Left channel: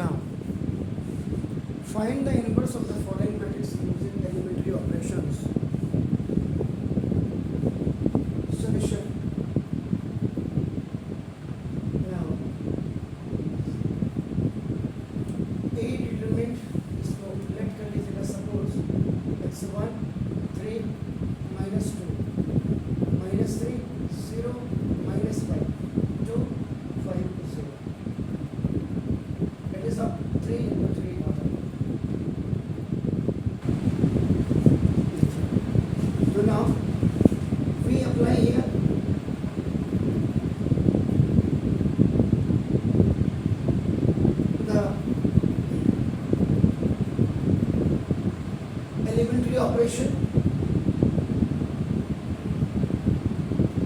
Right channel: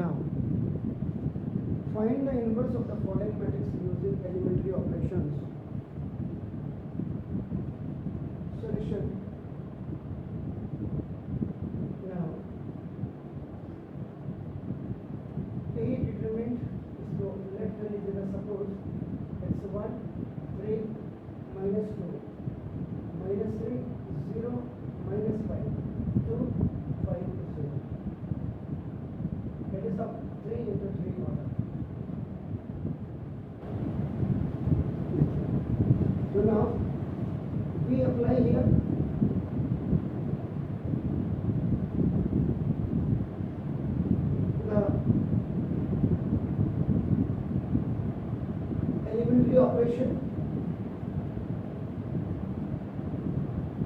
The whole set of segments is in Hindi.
Now, find the inverse of the following matrix using elementary operations. Solution. Now, A determinant इसको let कर लीजिएगा. Suppose x1 3 minus 2 minus 3 0 minus 5 2 5 0. It is of 3 into 3 order. So now we apply here the elementary operation.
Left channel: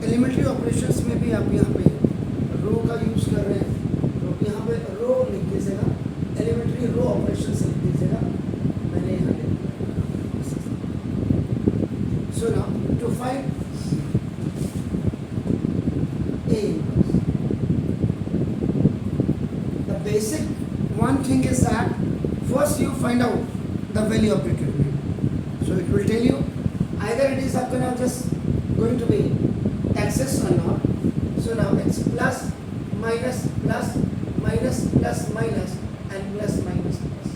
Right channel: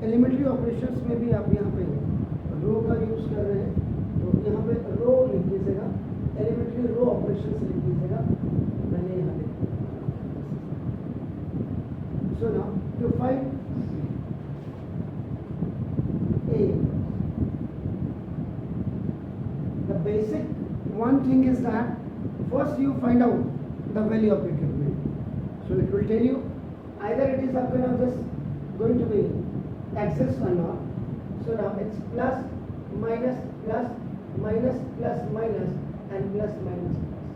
Elementary operations में भी आप यहाँ पे रो का यूज़ कर रहे हैं, तो यहाँ पे रो लिख दीजिएगा. एलिमेंट्री रो ऑपरेशंस लिख दीजिएगा. मैंने यहाँ लिख दिया. So now to find A inverse, the basic one thing is that first you find out the value of determinant. So it will tell you either it is आपका now just going to be axis or not. So now it's plus minus plus minus plus minus and plus minus plus.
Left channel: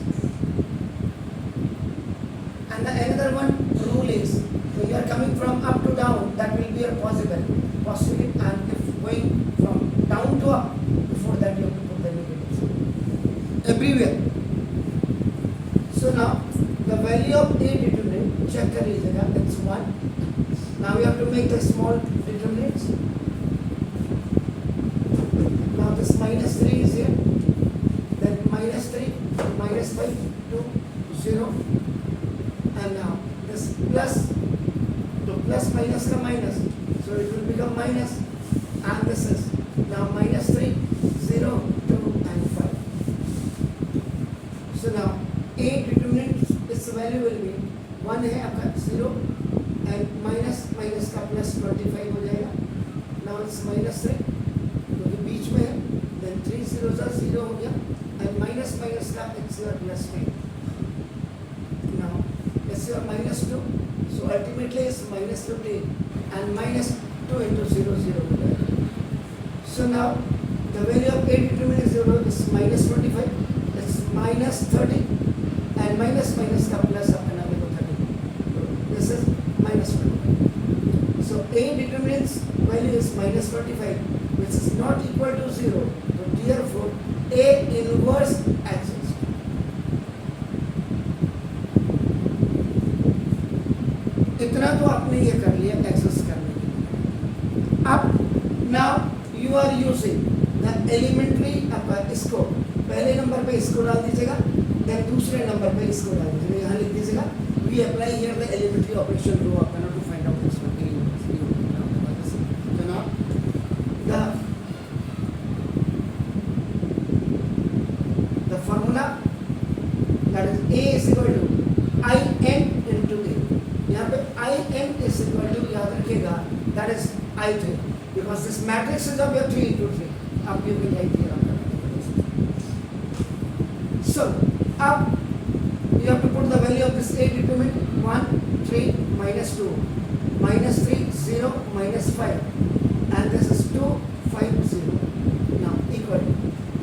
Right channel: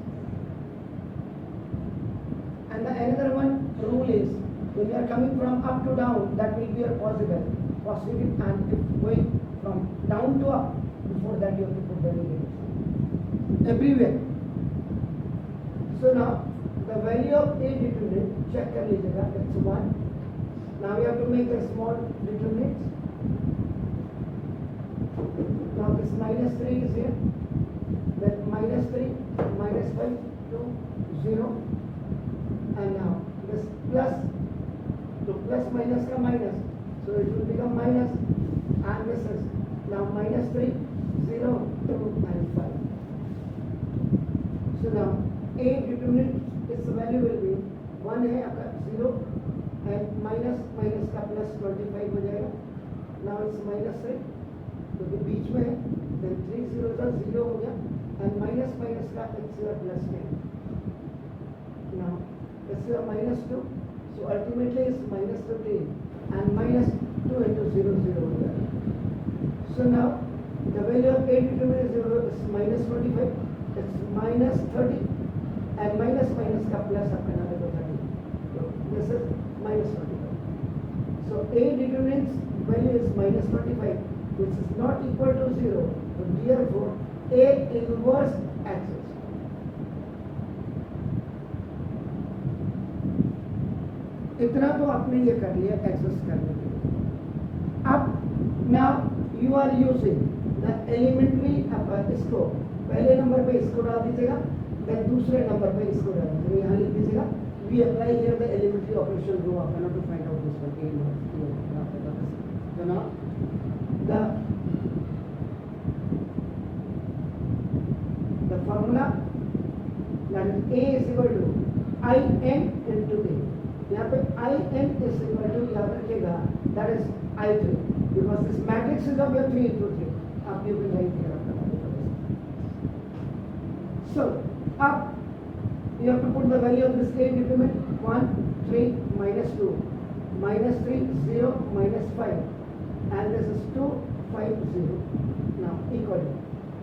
And the another one rule is when you are coming from up to down, that will be a positive, and if going from down to up, before that you have to put the negative everywhere. So now the value of A determinant check कर लीजिएगा. It's 1. Now we have to make the small determinants. Now this minus 3 is here. Then minus 3, minus 5, 2, 0. And now this plus, to plus minus ka minus. So it will become minus. And this is now minus 3, 0, 2 and 5. So now A determinant, its value will be 1 है आपका 0 and minus minus का plus 25 हो जाएगा. Now it's minus 3 क्योंकि बीच में है. Then 3 0 का 0 हो गया and minus minus का it's plus 10. Now it's minus 2. So ultimately it's minus 15 and minus 2 into 0 0 हो जाएगा. So now the value of A determinant is 0 is minus 25. It's minus 30 and minus minus का plus अपना देखो 30. So this is minus 25. So A determinant's value is minus 25, which is not equal to 0. So therefore A inverse exists. इतना तो आपने ये कर लिया एक्सेस करने के लिए. अब now you are using the elementary इसको पहले नंबर पे इसको डाल दीजिएगा. देन दूसरे नंबर पे इसको डाल दीजिएगा. यहाँ लिख दीजिएगा we apply here the elementary operation rho आपका now to find out this one A inverse. So now the formula that is A is equal to IN into A. यहाँ पे IN is equal to याद रखिएगा that is I3 because this matrix is of your 3 into 3. आप you can write here आपका. So up you have to put the value of this A determinant 1 3 minus 2 minus 3 0 minus 5 and this is 2 5 0. Now equal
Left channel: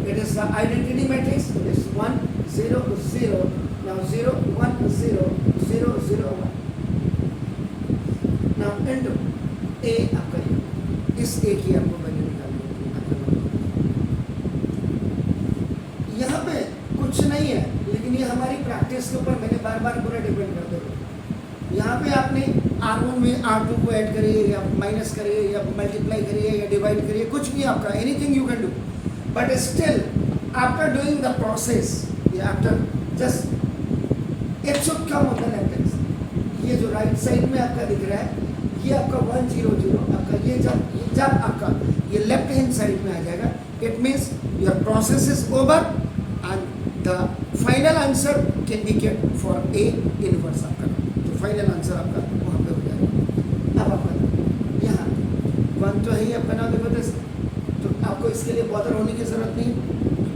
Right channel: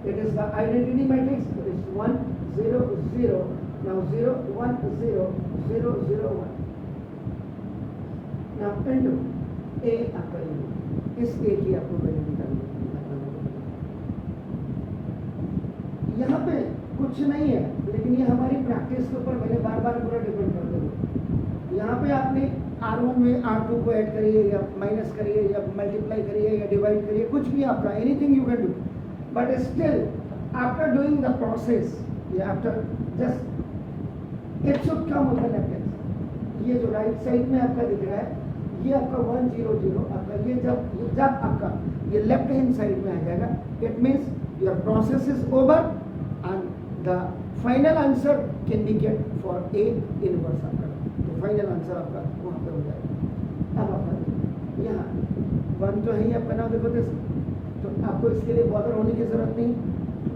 it is the identity matrix. It is 1 0 0. Now 0 1 0 0 0 1. Now into A आपका इस A की आपको वैल्यू निकालनी है. यहाँ पे कुछ नहीं है लेकिन ये हमारी प्रैक्टिस के ऊपर मैंने बार बार पूरा डिपेंड करते हुए यहाँ पे आपने R1 में R2 को ऐड करिए या माइनस करिए या मल्टीप्लाई करिए या डिवाइड करिए कुछ भी आपका anything you can do but still after doing the process या after just it should come on the left hand. ये जो राइट साइड में आपका दिख रहा है ये आपका 1 0 0 आपका ये जब आपका ये लेफ्ट हैंड साइड में आ जाएगा it means your process is over and the final answer can be get for A inverse आपका. तो फाइनल आंसर आपका वहाँ पे हो जाएगा. अब आपका यहाँ 1 तो है ही आपका नाम देखो तो आपको इसके लिए बॉदर होने की ज़रूरत नहीं.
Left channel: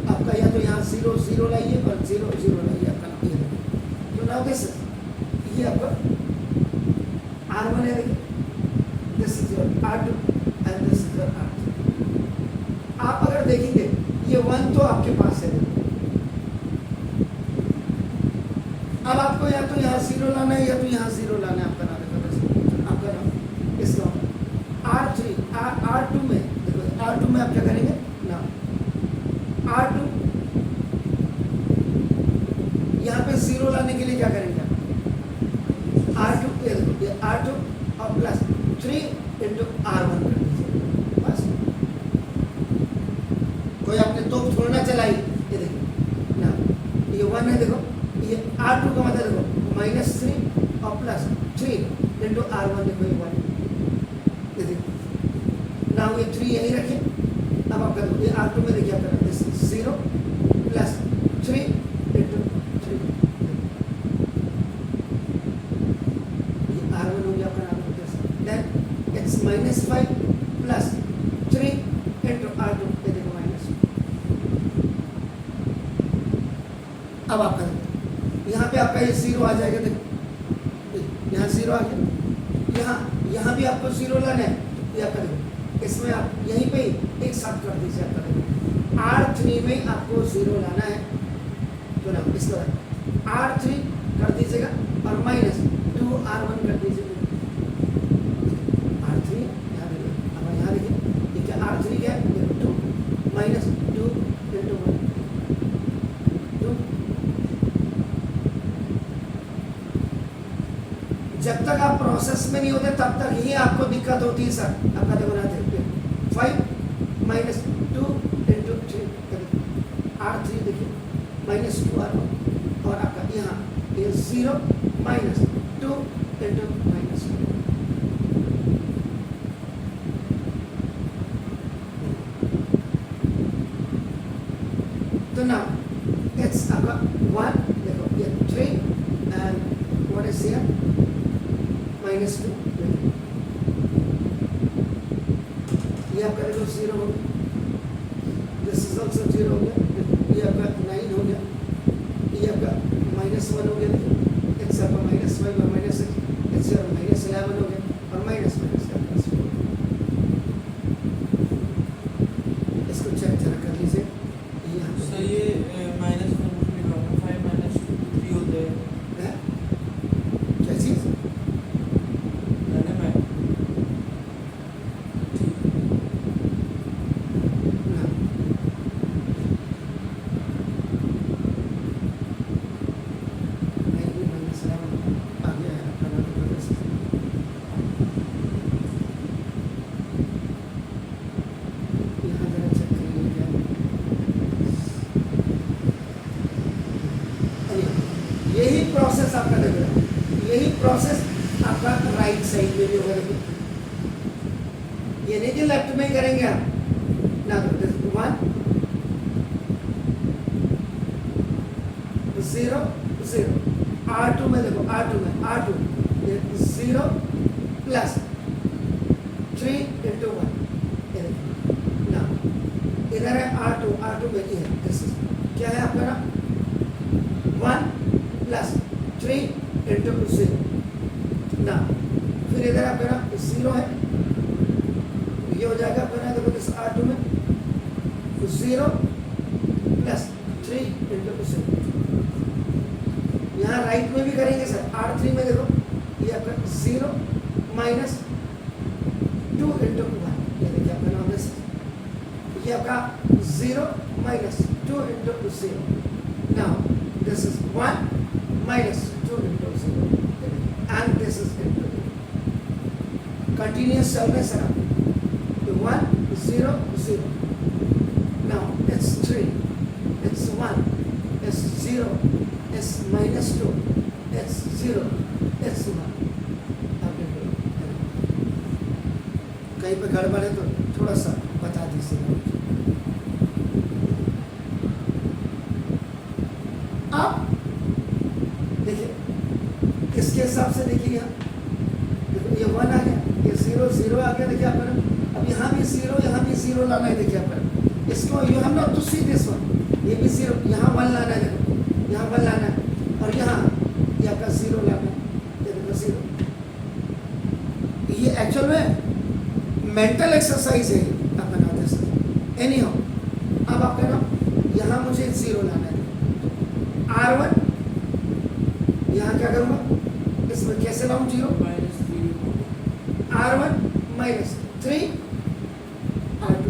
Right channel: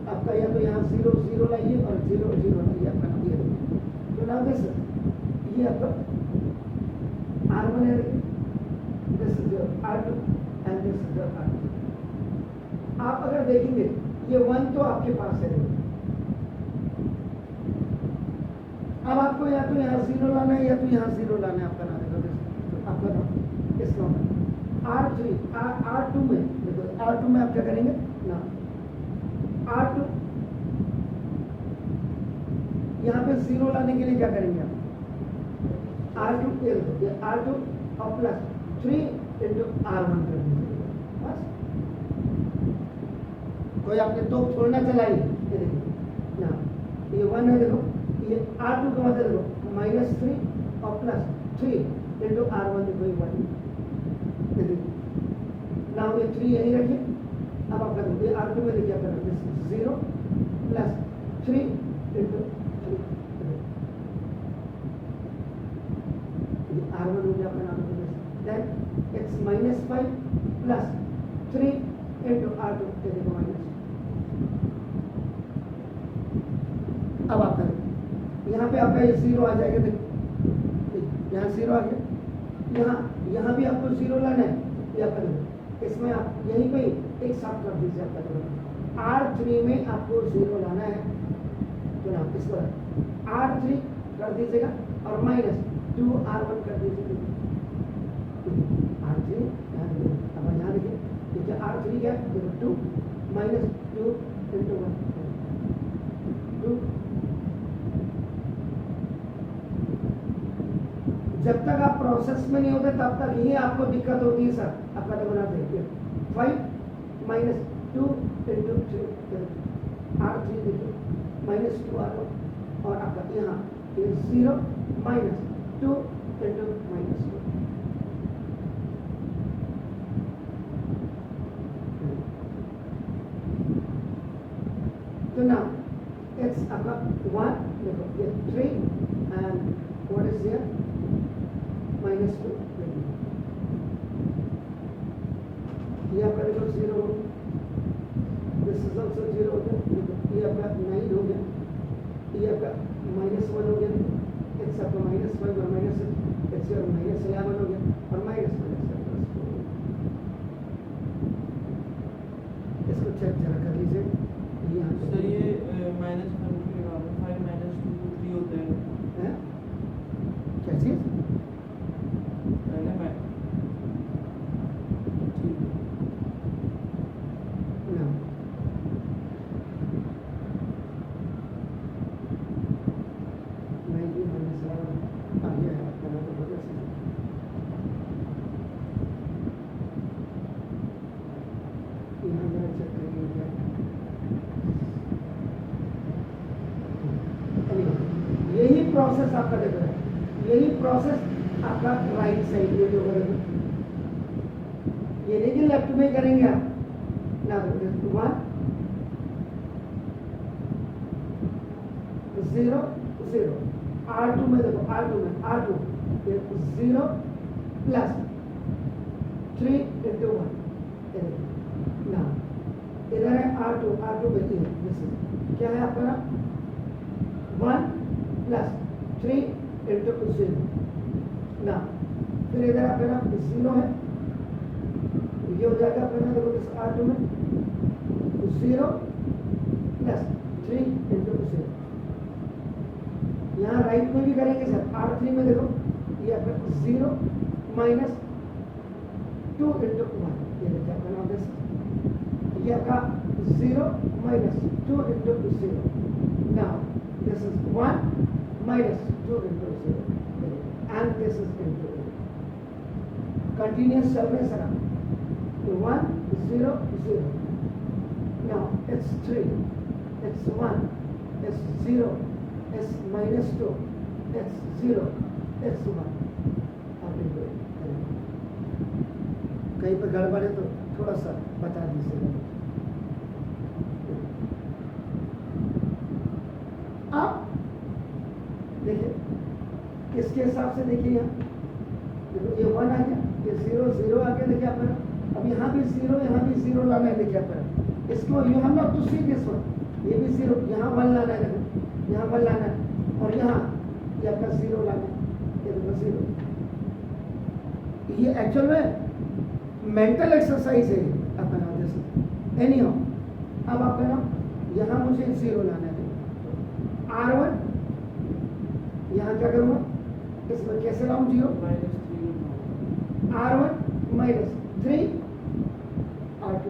आपका या तो यहाँ 0 0 लाइए और 0 0 लाइए, आपका नाम ये देखिए। तो नाउ दिस ये आपका R1 है, देखिए this is your R2 and this is your R3। आप अगर देखेंगे ये 1 तो आपके पास है, देखिए अब आपको या तो यहाँ 0 लाना है या तो यहाँ 0 लाना है, आपका नाम देखो, आपका नाम इसका R3 R2 में देखो, R2 में आप क्या करेंगे ना, R2 यहाँ पे 0 लाने के लिए क्या करेंगे आप, R2 ये देखो, ये R2 और प्लस 3 इंटू R1 कर दीजिए बस। कोई आपने तोप थोड़ा ना चलाई, ये देखिए ना, ये 1 है, देखो ये R2 का मतलब देखो -3 और प्लस 3 इंटू R1, देखो ये 1, ये देखिए ना, ये 3 यहीं रखें। अब आप कर दो ये R2 में देखिए, आप करना दिस 0 प्लस 3 इंटू 3, ये R1 हो गया आपका नाम, then it's -5 plus 3 into R2, ये देखो माइनस। अब आप करें यहाँ पे आपका ये 0 आ जाएगा, देखो यहाँ 0 आ गया, यहाँ भी आपको 0 लाना है, ये आपका देखो इसमें आप यहीं पे एक साथ कर दीजिए, आपका देखो R3 में आपको 0 लाना है, तो ना इसके बाद R3 कर दीजिएगा और -2 R1 कर दीजिएगा, R3 यहाँ देखिए, अब यहाँ देखिए ये क्या R3 क्या है, देखो 2 -2 इंटू 1 2। जब तक आप प्रोसेस में नहीं होते तब तक ही आपको दिक्कत होती है सर, आपका देखो ना देखिए 5 -2 इंटू 3 R3 देखिए -2 R1 और आपका यहाँ ये 0 -2 इंटू -1। तो नाउ इट्स आपका 1 देखो ये 3 एंड व्हाट इज हियर -2, ये आपका देखो 0 हो गया, दिस इज ऑल्सो 0 हो गया, देखो ये आपका 9 हो गया, ये आपका -1 हो गया, देखो इट्स आपका -5 और -6, इट्स योर -11 हो गया और माइनस का प्लस हो गया। इसको चेक जरा कर लीजिए, ये यहाँ पे सर ये -1 5 -2 3 होते हैं, क्या चीज़ प्रोसेस आपका देख रहा है, यही प्रोसेस आपका राइट साइड में भी होगा, ये नहीं कि लेफ्ट में करेंगे आप ना, 1 0 0 R2 में देखो, R2 में R2 0 प्लस 3 इंटू 1, ना इधर है R2 में ये दिस इज क्या है आपका 1 प्लस 3 इंटू 0 ना, फिर इधर आपका 0 है, ये हो जाएगा आपका ना, देखो दिस R2 में 0 प्लस 3 इंटू 0। यहाँ राइट में भी करेंगे सर, R3 में देखो ये आपका 0 माइनस 2 इंटू 1, ये देखिए आपका नाम दिस, ये आपका 0 minus 2 into 0। Now this is 1 minus 2 into 0 and this is into 0. Continuous चल रहे sir, 1 0 0, now it's 3, it's 1, it's 0, it's -2, it's 0, it's 1. कहीं पे गड़बड़ है तो थोड़ा सा बता दीजिएगा। अब देखिए इसके हिसाब से देखिए, यहाँ देखो ये 1 आ गया, ये 0 0 आ गया, देखिए आप अब यहाँ भी 0 यहाँ भी 0 लाना है, देखिए आप इसको you have not to see this one, ये भी जीरो, यहाँ वन लाना है, देखो यहाँ वन लाना है, और यहाँ ये आपका जीरो लाना है, ये देखो जीरो। ये एक्चुअल में मेंटल एक्सरसाइज है आपका नाम जैसे एनी हाउ। अब आपका नाम यहाँ मुझे जीरो लाना है, R1 यहाँ क्या करूँगा, इसमें कैसे लाऊं जीरो, R1 माइनस 3 R2,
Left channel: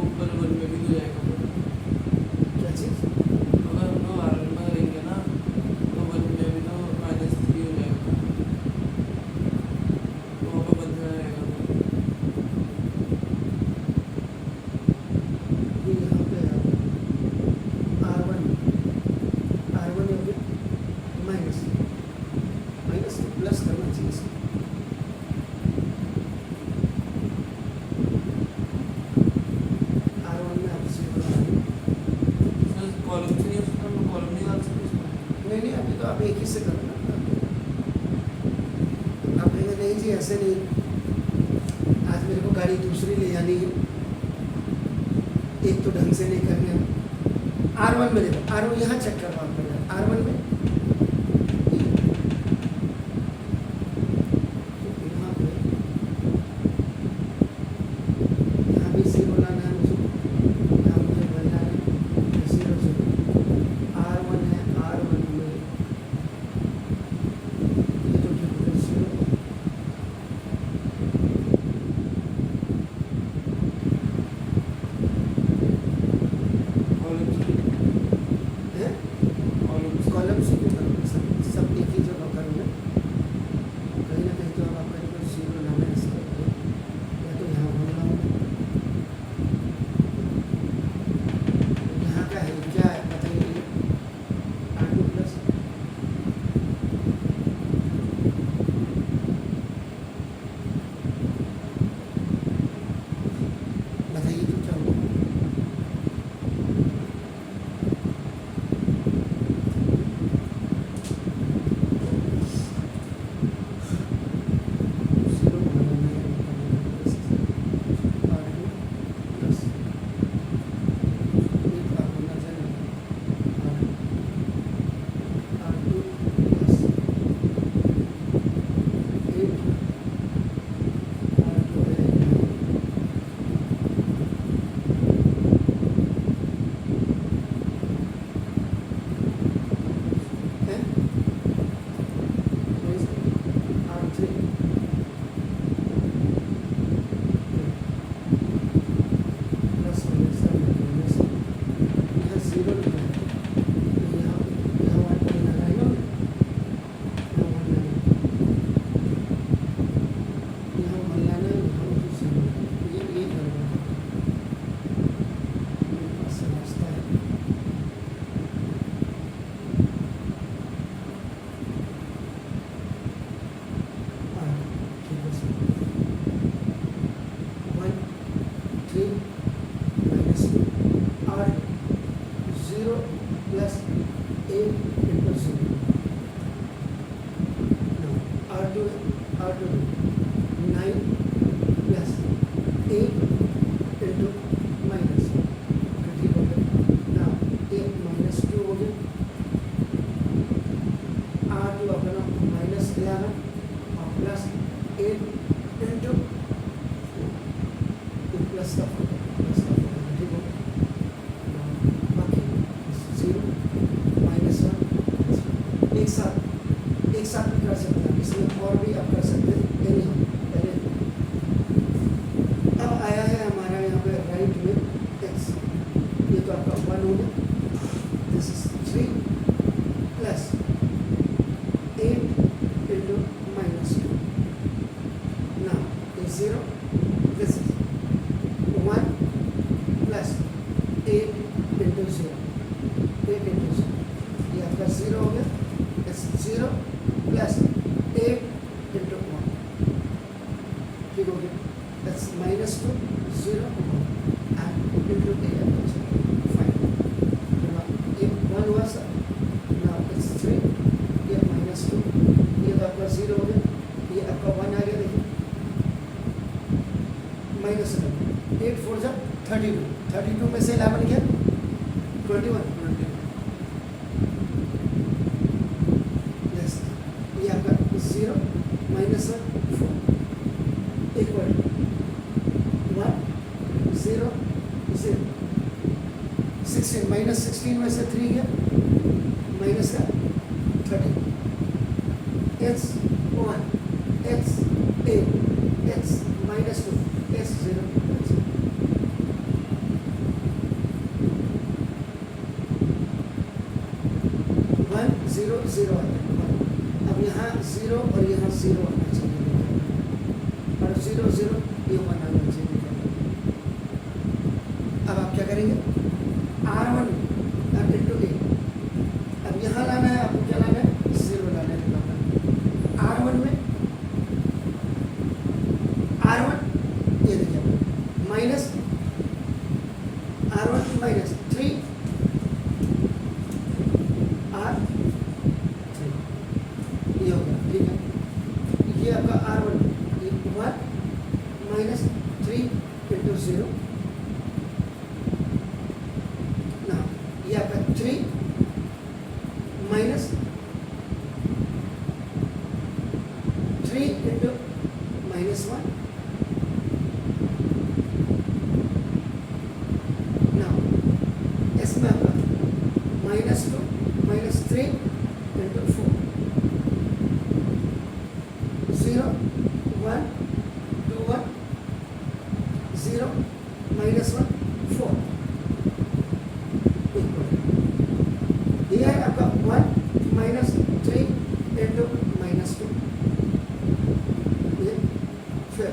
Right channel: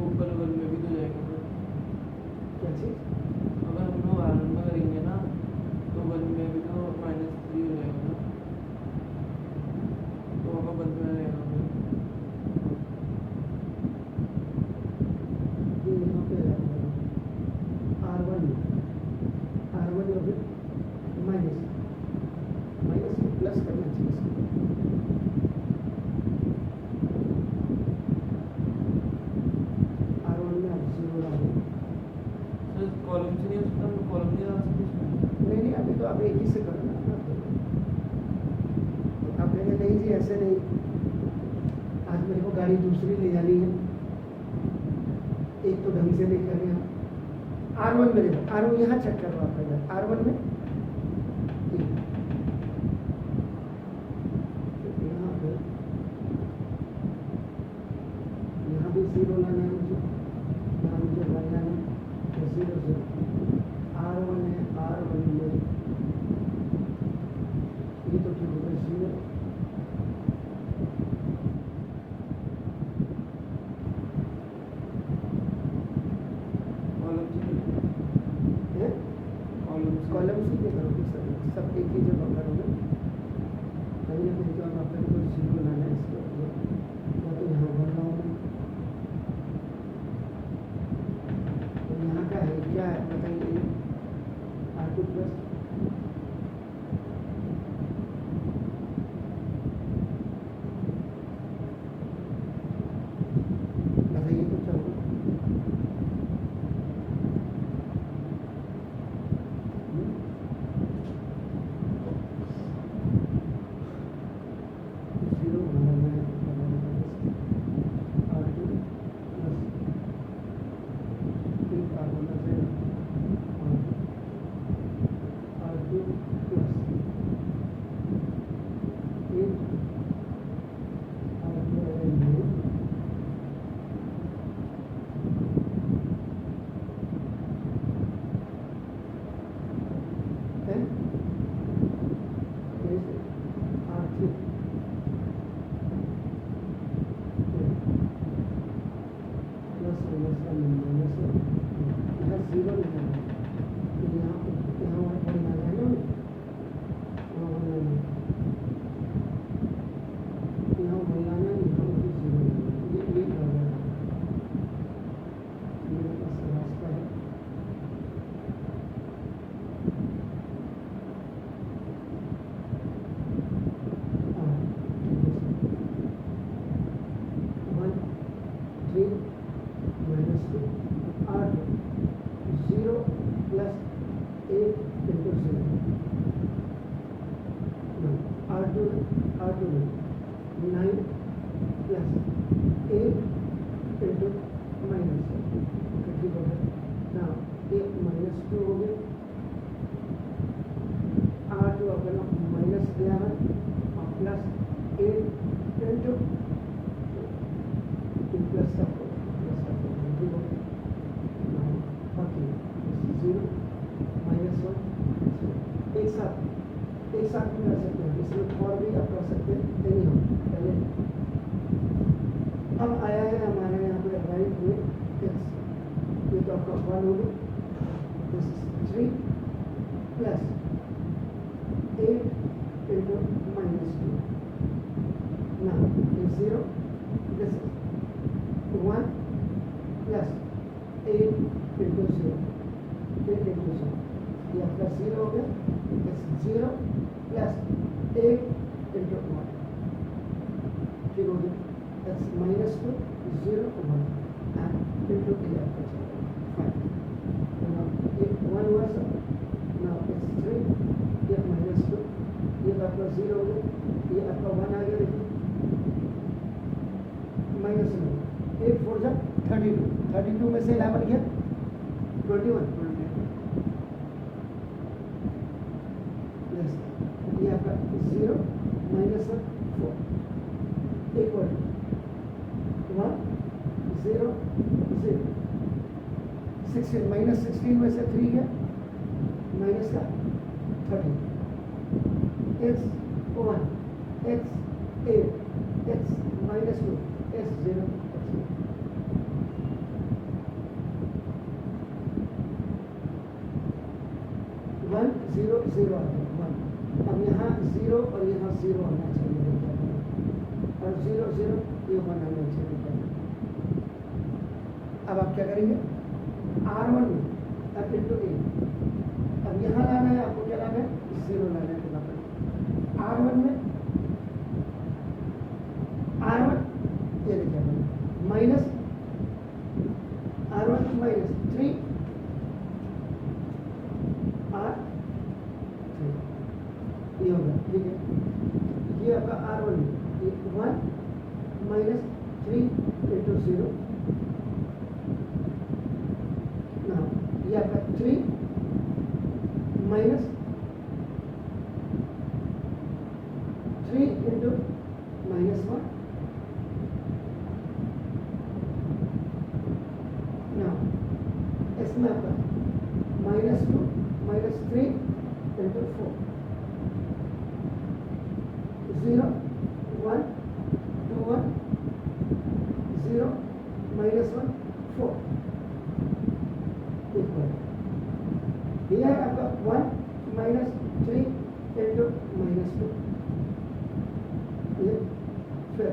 ऊपर वन में भी तो जाएगा पर क्या चीज़, अगर हम लोग आर में करेंगे ना तो वन में भी तो -3 हो जाएगा ना, तो वहाँ पर बंद रहेगा तो ये यहाँ पे R1 हो गया माइनस तो प्लस करना चाहिए इसको, R1 में आप जीरो लगाएंगे, सर कॉलम से नहीं हो सकता, हम लोग कॉलम नहीं डाल सकते इसमें। नहीं अभी तो आप एक ही से करो ना, आप कहेंगे नहीं जी ऐसे नहीं, आज मेरे को गाड़ी दूसरी ले जानी है, एक तो ढंग से नहीं करने हम। R1 में देखो, R1 यहाँ चेक करो आप पहले, R1 में यहाँ भी जीरो लाना है मुझे, यहाँ मुझे वन लाना है, जीरो जीरो, R1 है, R1 में ये तो ठीक हो गया जीरो, है कॉलम से क्यों करोगे, सब एक ही जगह करोगे, कहीं ना कहीं तो अब आपका जो जीरो लाना है इसका, या तो यहाँ वन लाऊंगा, यहाँ का है क्या है बताइए, R2 प्लस बताइए तो क्या होगा, जीरो बनाना है, R2 प्लस एक आप होना चाहिए, R2 प्लस 8 R2 है R3 प्लस माइनस का माइनस, यहाँ जीरो लिखा है, तो यहाँ वन पर लगाएगा ना, यहाँ वन लाना है, यहाँ वन लाना है, यहाँ मुझे जीरो लाना है, ये गड़बड़ है, मेरे पास रास्ता है, ठीक है sir, 1 3 -2 R2 0 plus 8 into 0, R2 9 plus 8 into minus, ठीक हो गया ना, 1 -2 हो गया, R2 अपना -11 और प्लस 8 इंटू प्लस का ठीक हो, बाकी 0 -1 एक साथ भी कर सकते हैं, इसमें और भी आप कर सकते हैं, एनी हो पहले। अब आया है हमारा यहाँ पे राइट में x, ये तो आपका 1 हो गया, this is 3 plus 8 into -2, now is 0, this is 1 plus 8 into 0, 8 into 0, ये आपका 0 हो गया, इट्स 0 प्लस 8 इंटू 1, ठीक हो गया, इट्स -2 0 1 एंड इंटू 8, फाइन, ये 1 हुआ सर, नाउ इट्स 3, ये -2, ये तो आपका 0 हो गया, ये आपका 1 आ गया, देखिए -11 8 4 जा 32, 32 में से 11 गया 21। 20 यस, ये आपका 0 -1 4 इक्वल 1 0 0 16 -16 में से 3 गया माइनस का 30 x 1 x 8 x -2 x 0 1 0 0 आता है 1। अब यहाँ 0 और यहाँ 0 आना चाहिए देखिए, और 0 0 ये 1 आना चाहिए देखिए। अब आप क्या करेंगे R1 अब इंटू ए, अब यहाँ लाना है आपको, क्या लाना है 0 लाना है R1 में R1 ये देखिए माइनस R1 माइनस 3 R3 ये हो गया, ठीक है। ये आपका R1 में ये 1 माइनस 3 इंटू 0 ना, ये आपका 3 माइनस 3 इंटू -1 ना, इसमें आपका -2 -3 इंटू 4 0 1 2 1 0 -1 4 इक्वल here आपका 1 -3 इंटू -2 ये फिर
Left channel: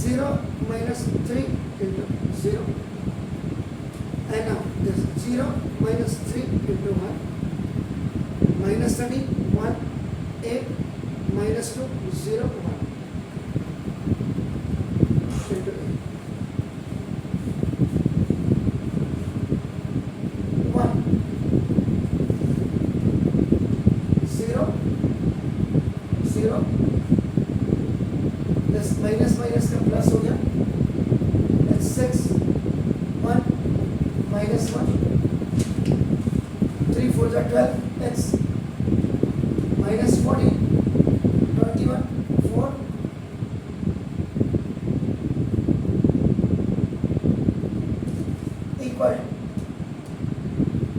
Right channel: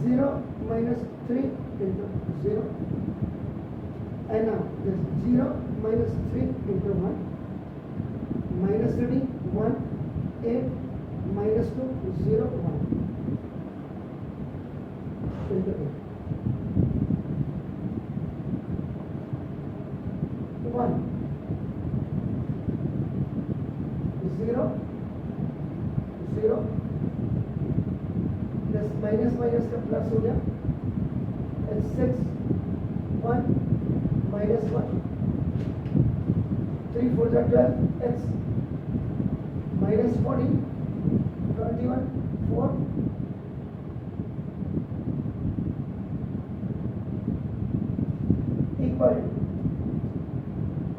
0 -3 into 0 and now this 0 -3 into 1 -30 1 8 -2 0 1 into 8 1 0 0 this minus minus का प्लस हो गया, that's 6 1 minus 1 3 4 जा 12 x minus 14 21 4 equal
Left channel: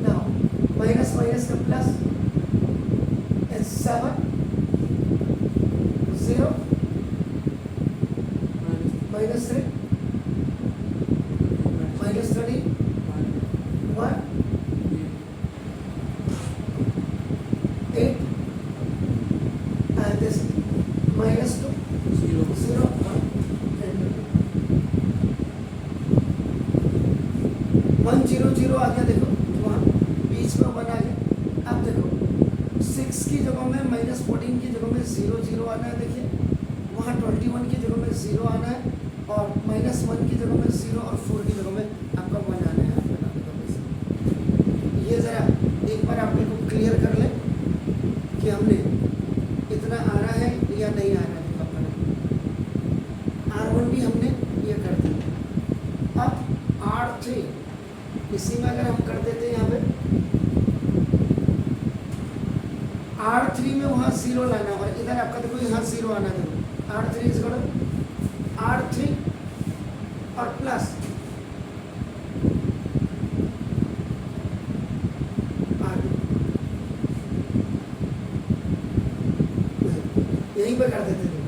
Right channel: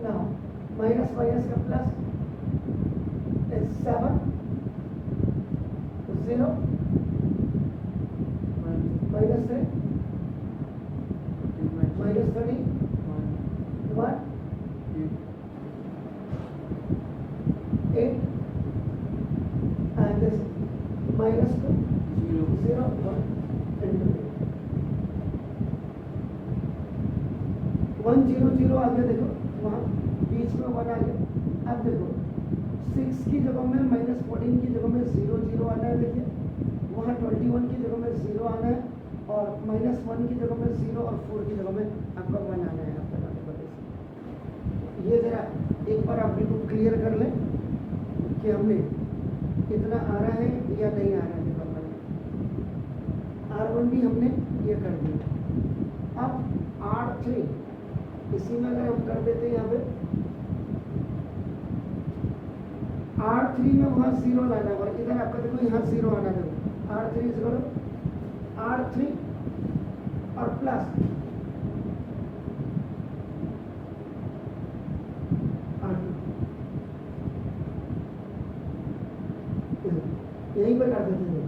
now minus minus का plus it's 7 0 minus 3 minus 30 1 8 and this minus 2 0 1 and 1 0 0 आ गया, देखो वहाँ बीच में 1 आ गया। अब देखो 6 की जगह में -14 की जगह में 0 0 आना है, देखिए वहाँ 21 की जगह में 0 आना है, और -1 की जगह में 0 और 4 की जगह में आपका 1 आना है। आप बना देखो वैसे, ये ज़रा एक बार आप बिल्कुल क्लियर कर लें कि हमने इतना आ रहा है या नहीं आ रहा है। देखो अपना R1 भी हमने ये कर दिया। अब R3 इसी में अगर हम कर देते हैं यहाँ पे R3 में वहाँ 0 लाना है, और इधर आपका देखो यहाँ 0 आना, देखो R3 इज इक्वल R3 और प्लस R2 यहीं पे कर देते थे।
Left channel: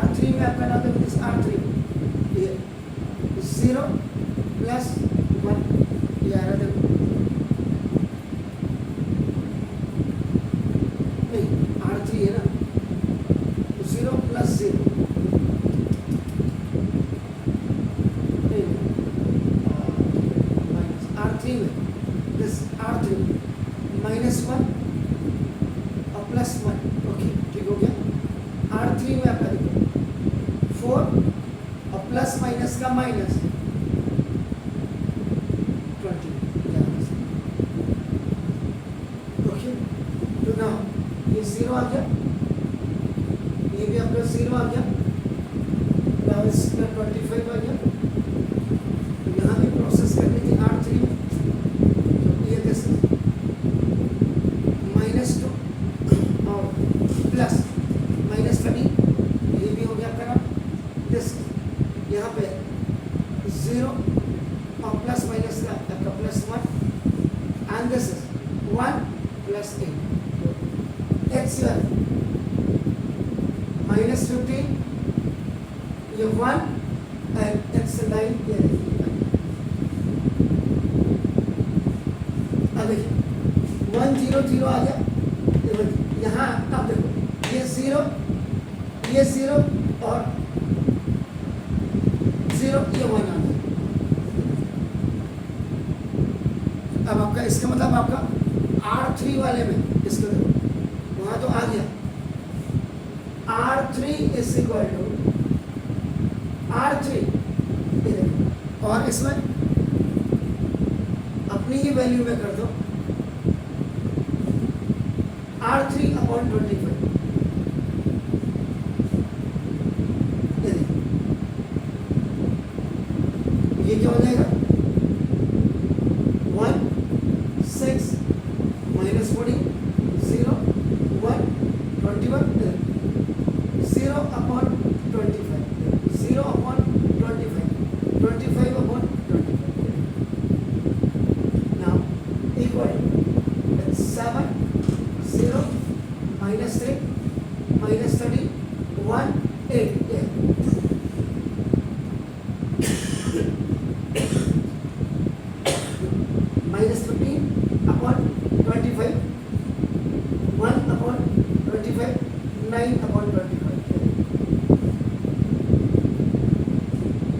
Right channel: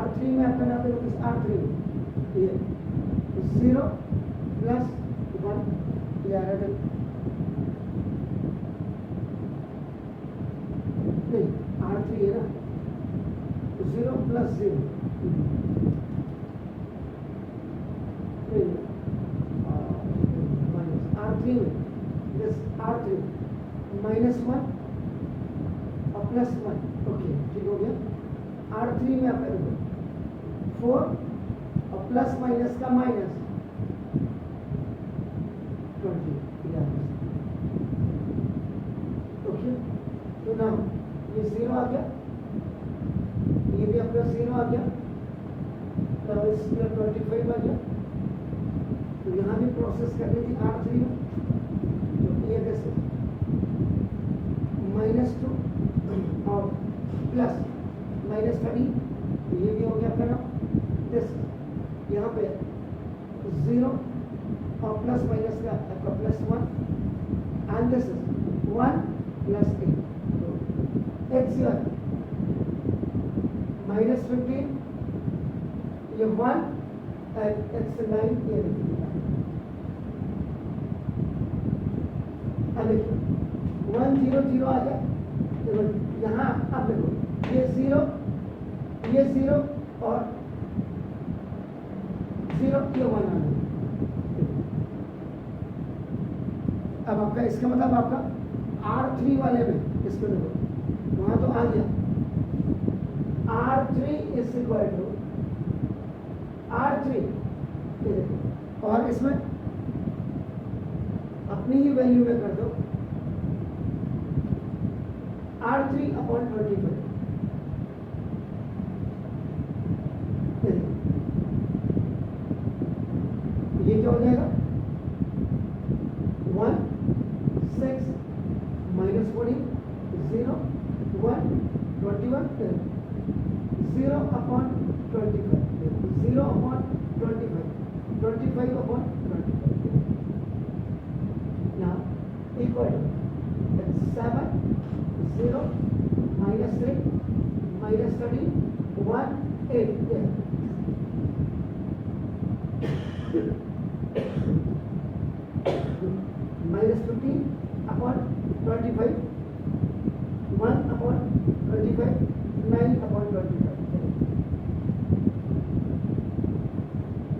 R3 में आपका नाम देखो R3 ये 0 प्लस 1 ये आ रहा है, देखो नहीं R3 है ना, 0 प्लस 0 माइनस R3 में दिस R3 -1 और +1 ओके ठीक हो गया। R3 में आपका देखो 4 और प्लस माइनस का माइनस 20 ओके। तो ना ये 0 आ गया, ये भी आपका 0 आ गया। Now इसमें 25 आ गया। तो यहाँ भी प्रोसेस करनी थी R3 में, तो ये दिस -2 और प्लस -13, ये भी हो गया करा। दिस यहाँ पे 0 और प्लस माइनस का आपका +1 एंड दिस इज 1 + 8, तो x -15, ये 1 एंड x 9, ये अब देखिए 1 0 0 आ गया। यहाँ अब देखो ये 0 और 0, ये 1 आ गया। अब आपका इसका मतलब आपका R3 वाले में इसको देखो, वहां तो आ गया R3 = R3, ये देखो, और इसमें अपनी ही वैल्यू में कर दो R3/25, ये क्या हो जाएगा 1 6 -14 0 1 21 0/25 0/25 25/25 now equal to 7 0 -3 -30 1 8, yeah. -15/25 1/25 9/25।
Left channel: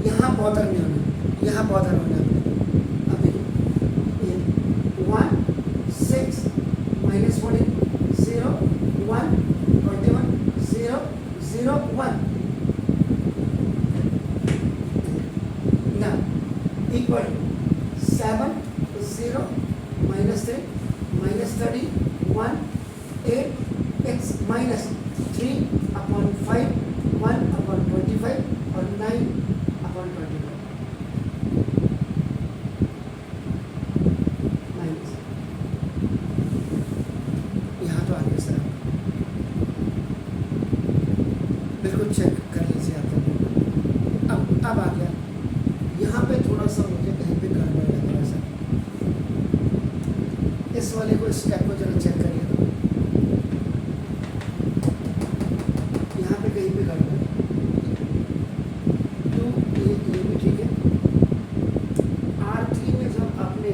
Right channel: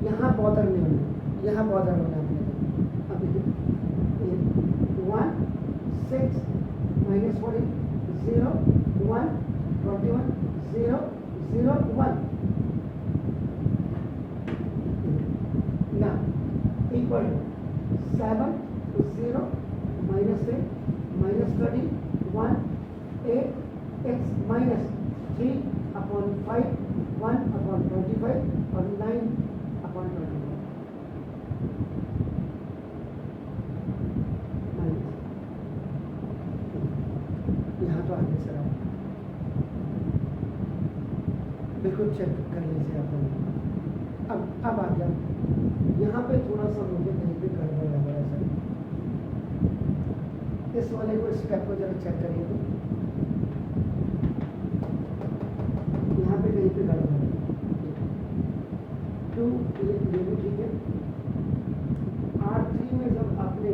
यहाँ बॉर्डर नहीं होना, यहाँ बॉर्डर होना अपने को। अब देखिए 1 6 -14 0 1 21 0 0 1 now equal to 7 0 -3 -30 1 8 x -3/5 1/25 और 9/25 माइनस, यहाँ तो आगे सर आप बिल्कुल चेक कर लीजिए आप लोग। अब आ गया, यहाँ पे थोड़ा सा मुझे कहीं पे गड़बड़ लग रहा है सर। इस वाले को स्टेप को जरा चेक करिए तो यहाँ पे कहीं पे गड़बड़ है। तो ये भी ठीक है। R3 में जब आपने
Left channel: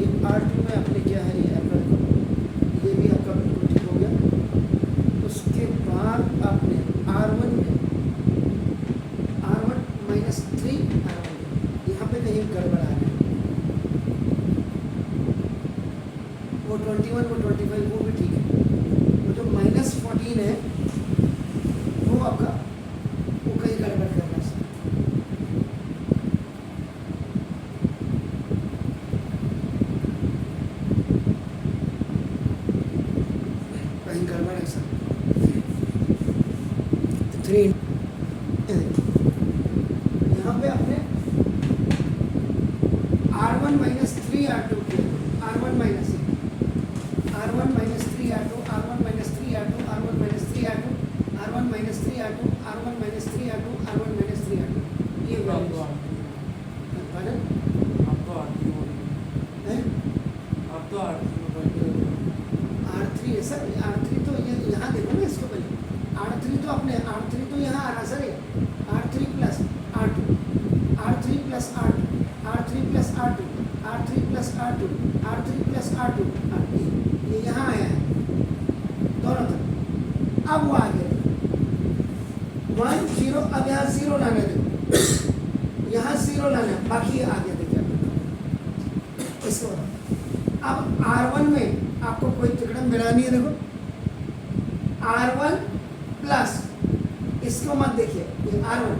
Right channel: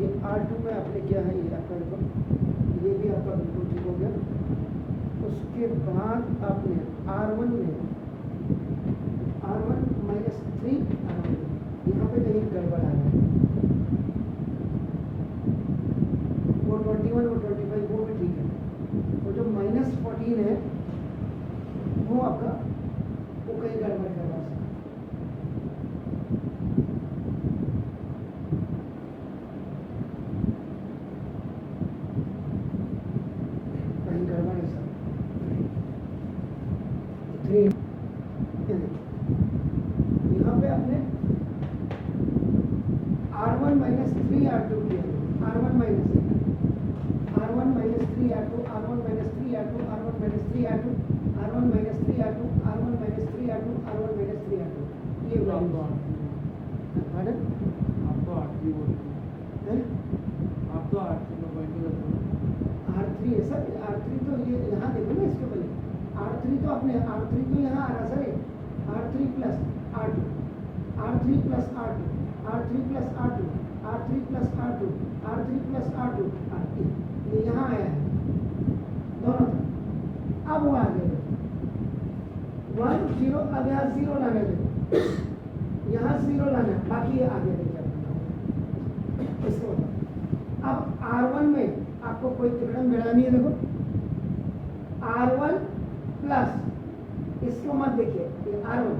ये R2 में आपने क्या है, ये आपका देखो, ये भी आपका बिल्कुल ठीक हो गया। उसके बाद आपने R1 में R1 -3 R1 यहाँ पे कहीं गड़बड़ आ रहा है। वो 21 वो 25 वो भी ठीक है। वो जो -14 है वो आपका वो कहीं गड़बड़ कर रहा है सर। कहीं गड़बड़ है सर। 3 यहाँ पे आपने R1 -3 R2 किया, R1 -3 R1 -3 R2 R1 -3 R2 R1 -3 R2 R1 -3 R2 R1 -3 R2 R1 -3 R2, ये आपको पॉइंट है। आप तो R3 में पॉइंट कर रहे हो। R3 है सर, R3 तो ये यहाँ देखो ना, इसको पहले R3 तो अपने R3 तो यहाँ आ रहा sir, R3 + R2 R3 + R2 R3 + R2 R3 + R2 R3 + R2 ये यहाँ आया है दोनों तरफ। अब वो आ गया 1 0, अब यहाँ 0 लाना है, देखो यहाँ 0 लाना है, बाकी ये आ गया। देखिए आप इसको अब R1 में आपको कोई तिकड़म मिला नहीं है। देखो R1 प्लस इसको मत देखिए, ये R1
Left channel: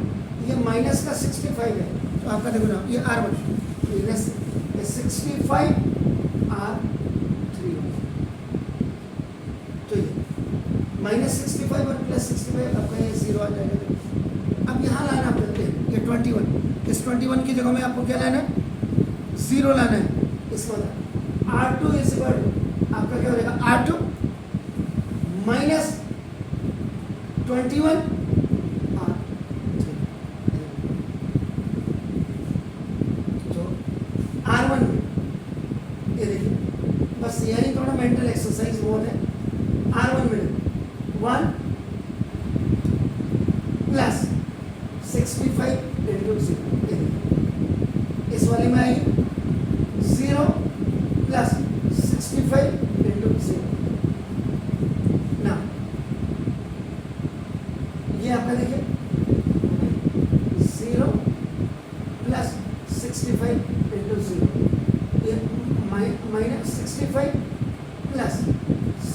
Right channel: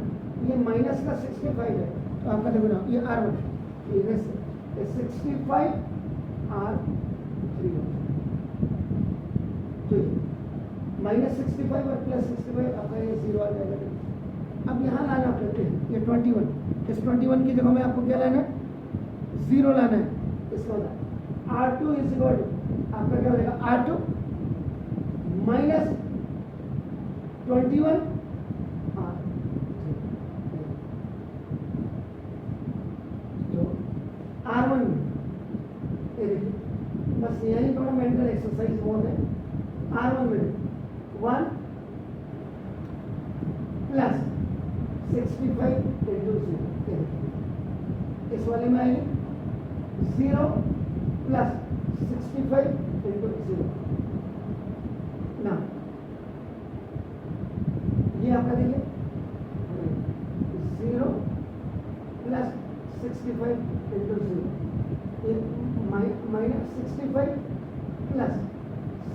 ये माइनस का 65 है, तो आपका देखो ना ये R1 ये 65 R3 तो ये -65 और +65 आपका ये 0 आ जाएगा। देखो अब यहाँ लाना करते हैं ये 21, इस 21 की जगह में आपको क्या लाना है, 0 लाना है। इसका मतलब R2 इज इक्वल टू आपका क्या हो जाएगा, R2 माइनस 21 तो R1 में ये देखिए, बस यही थोड़ा मेंटल एक्सरसाइज मोड है। R1 में 1 प्लस 65 इंटू 0, इस वाले में आई 0 प्लस 65 इंटू 0 ना, ये आपका देखिए 0 प्लस 65 इंटू 0, ये माइनस 65 प्लस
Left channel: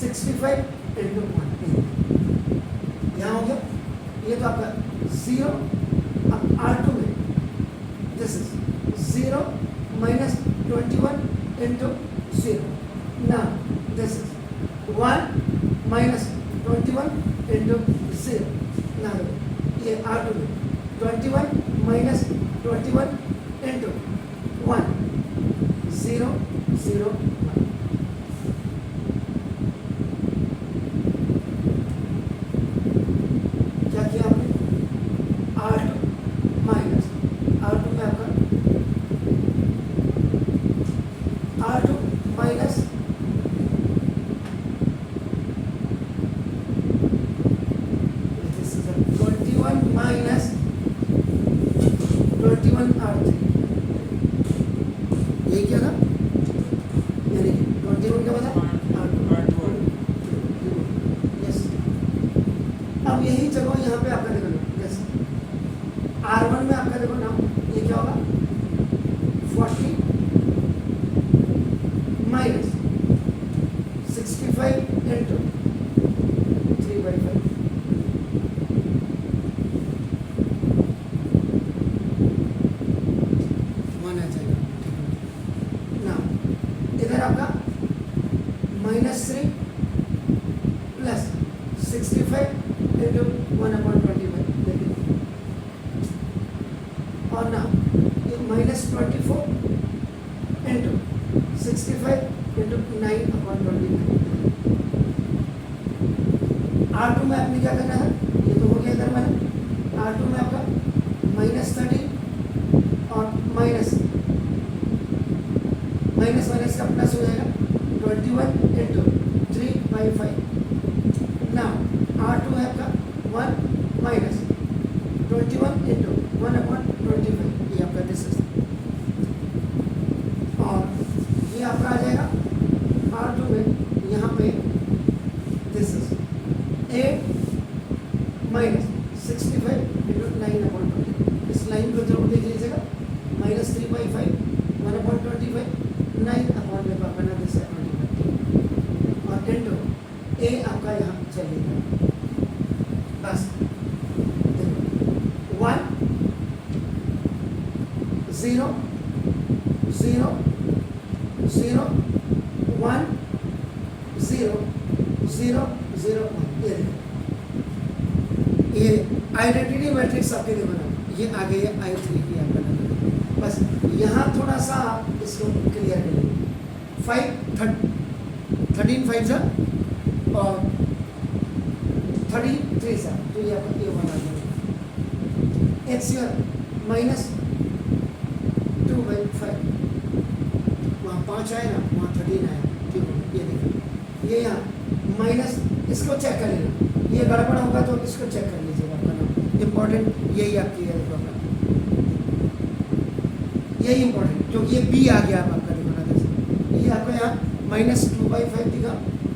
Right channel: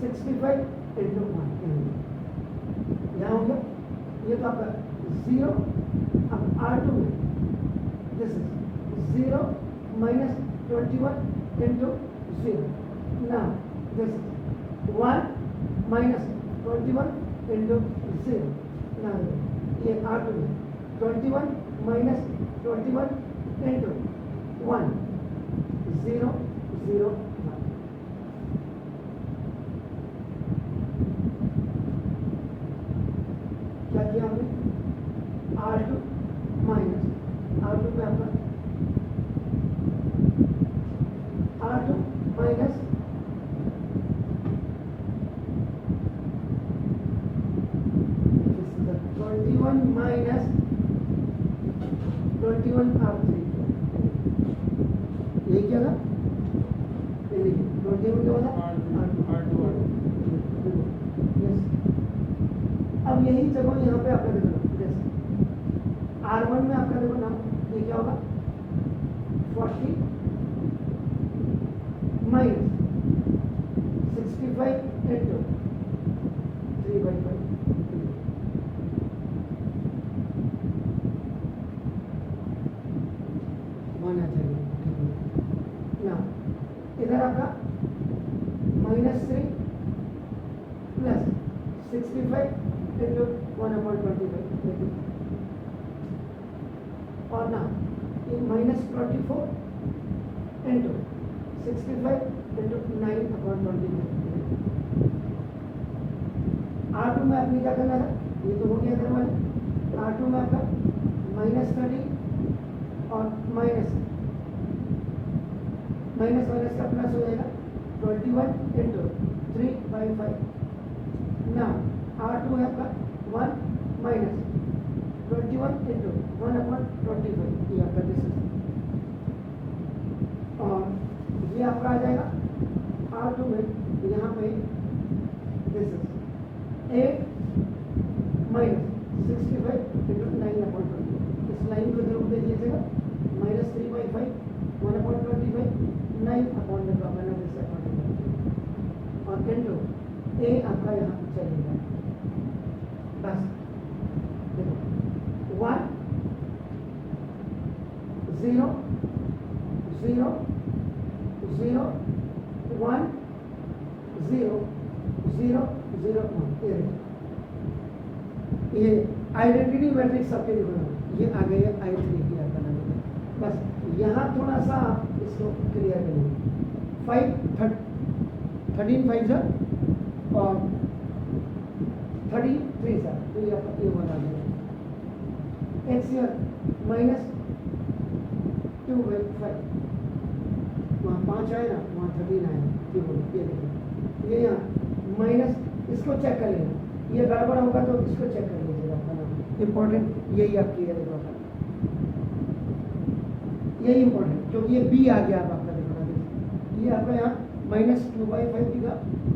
65 इंटू 1, यहाँ हो गया। ये तो आपका 0, अब R2 में this is 0 minus 21 into 0. Now this is 1 minus 21 into 0. Now ये R2 में 21 minus 21 into 1, 0, 0, 1. क्या किया आपने, R2 माइनस R2 में आपका R2 minus this is 21 minus 21 R3, यही क्या था, यानी कि 21 के बाद R2 यस। अब यही जगह यहाँ पे आपका देखो यस, R1 में आपका देखो ना, ये क्या होगा 40 माइनस 65 इंटू 3/5, वन आ जाएगा, ठीक है ना। इधर आपका -3 प्लस 65 इंटू 1/25, देखिए, और ना ये -24 इंटू 65 इंटू 9/29। R2 में आपने क्या करना था, ये तो हो गया इधर मैंने, R2 में आपका -30 और माइनस का प्लस हो जाएगा 21 इंटू 3/5। ना R2 है आपका 1 माइनस 21 इंटू 1/25, ये आपका दिस इज, और ये आपका आ जाएगा R2 में यहाँ पे दिस इज 8 माइनस 65 इंटू 9/20। इस लाइन को जरूर देख लीजिएगा, -3/5 1/25 9/25 दिस है 25, और इंटू ए आपका यहाँ चलेगा, बस देखो 1 0 0 0 1 0 0 0 1, ये आइडेंटिटी मैट्रिक्स आपके देखो ना, ये आ गई है I3 की आपका नंबर। बस यहाँ थोड़ा सा आप इसको क्लियर करेंगे, 13 5 सा और 33 सा, तो ये आपका ये वन आ जाएगा। एक्स यूर -2/5, वहाँ 5 आए ना, वहाँ 13 आए, ठीक हो, ये देखिए, ये यहाँ माइनस, इसको चेक कर लेना, ये गड़बड़ होगा तो इसको चेक कर लीजिएगा, आपका नाम इम्पोर्टेंट यही आपकी है, देखो आपका यही इम्पोर्टेंट, क्योंकि ये बी आ गया आपका, देखो ना जैसे ये आपका यहाँ -2/5 दिखा,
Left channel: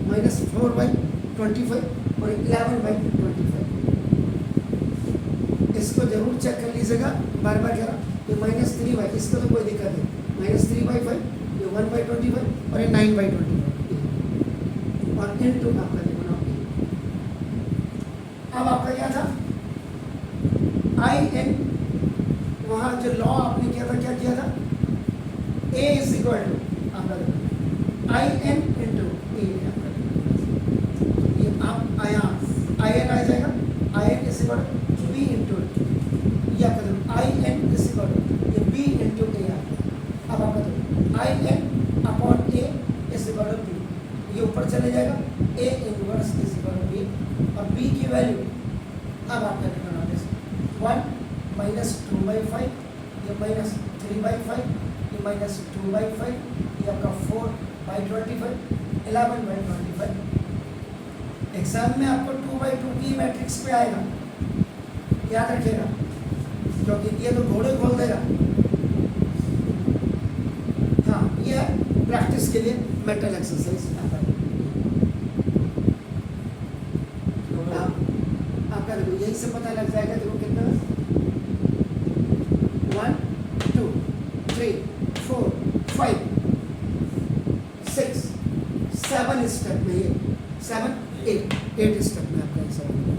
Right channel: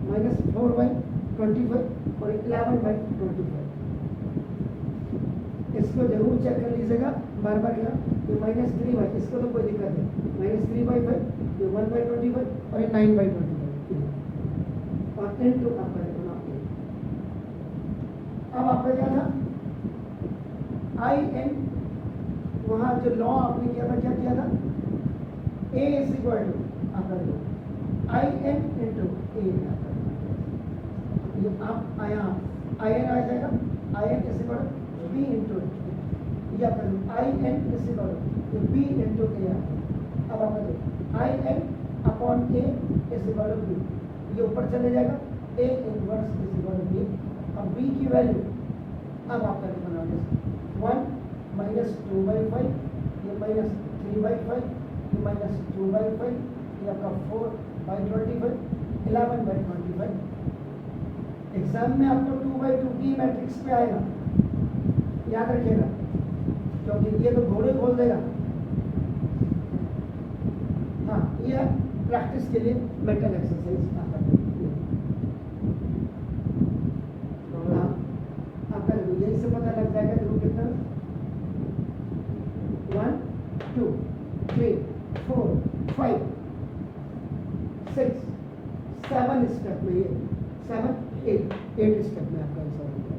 -4/25 और 11/25, इसको जरूर चेक कर लीजिएगा, बार बार कह रहा हूँ, ये -3/, इसको तो कोई दिक्कत नहीं, -3/5, ये 1/25 और ये 9/25, और इनटू आपका देखो ना, अब आपका क्या था IN, वहाँ जो लॉ आपने किया था, क्या किया था, A इज इक्वल टू आपका देखो IN इंटू E, ये आप IN आ जाएगा, IN is equal to B into या कदम आई एन किसी पर ये बी इंटू ए है। अब आप बताओ I N upon A is equal to B, ये ऊपर चले जाएगा A inverse is equal to B. अब बी की वैल्यू अब आपका निकालना है 1 माइनस 2/5, ये माइनस 3/5, ये माइनस 2/5, ये आपका 4/25, 11/25। एग्जाम में आपको 2/2 की मैट्रिक्स पे आएगा, याद रखिएगा, क्योंकि ये तो घोड़े खोल देगा। हाँ, ये प्रैक्टिस के लिए मेंटल एक्सरसाइज आपका देखो यही से पता लग जाएगा। देखो कितना 1 2 3 4 5 6 7 स्टेप में, ये 7 8 स्टेप में आपका आंसर होगा।